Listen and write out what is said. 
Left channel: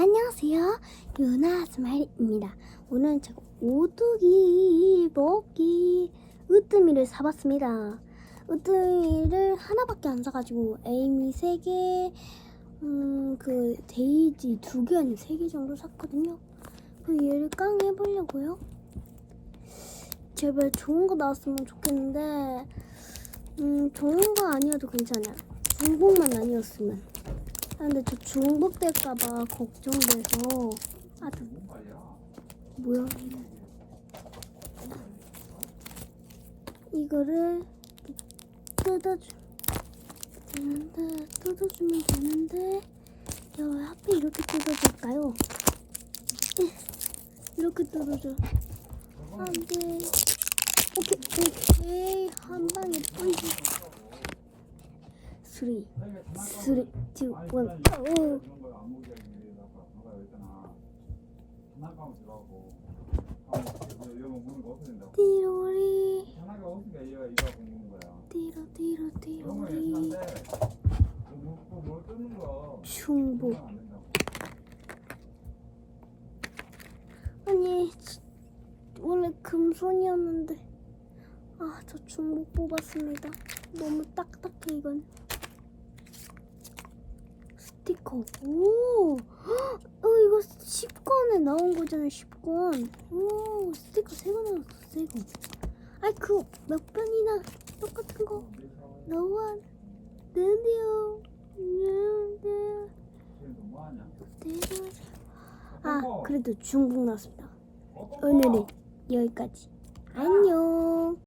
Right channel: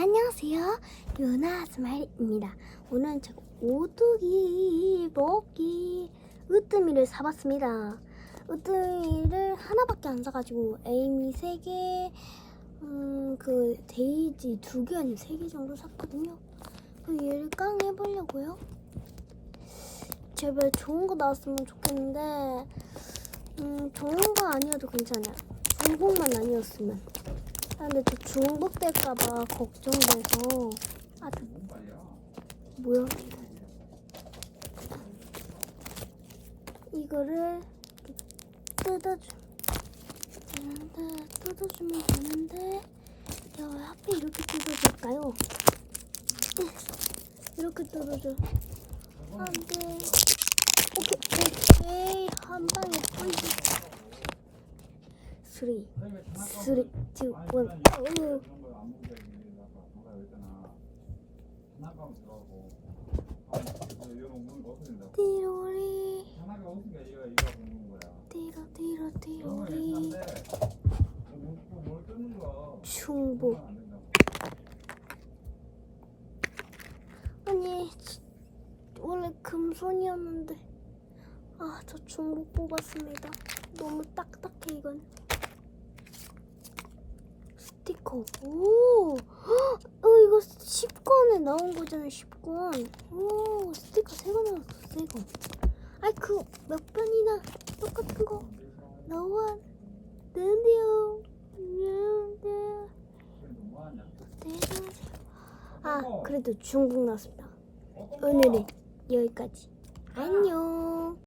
안녕하세요. 유나 스마일입니다. 오늘은 제가 오뚜기 먹기 으뜸이를 사봤습니다. 으뜸이를 하나밖에 안 사가지고 에이미 3개, 음, 그 데이지 2개 아니 3개 정도 샀거든요. 그럼 얘를 깡 해보려고요. 제발 좋은 거 나왔으면 좋겠는데, 음, 좋은 거 아니어도 괜찮아요. 중복만 아니었으면. 아, 근데 저 중복될까봐 걱정돼서. 아 뭐야? 이거를 뜯어주 되는데 뜯어주면 되는데 야, 하필 이렇게 뜯어줄까요? 이렇게 뜯어줘. 안 돼. 오케이 오케이 한 방에 뿌리지 3 3 2 1 오. 띠로리. 띠로 띠로 띠로리. 중복. 아니 원래 금손이었는데. 아 저 중복 뽑았습니다. 너무 딱딱해 이건 스티커 오 헉, 어, 이거 10권에 나온 거잖아요 10권 오 스티커 새거 나왔어 새거 아이 그 몇 번이나 똑같은 거 나와 드디어 드디어 아 그래도 중복 나왔습니다. 오늘은 여기까지. 안녕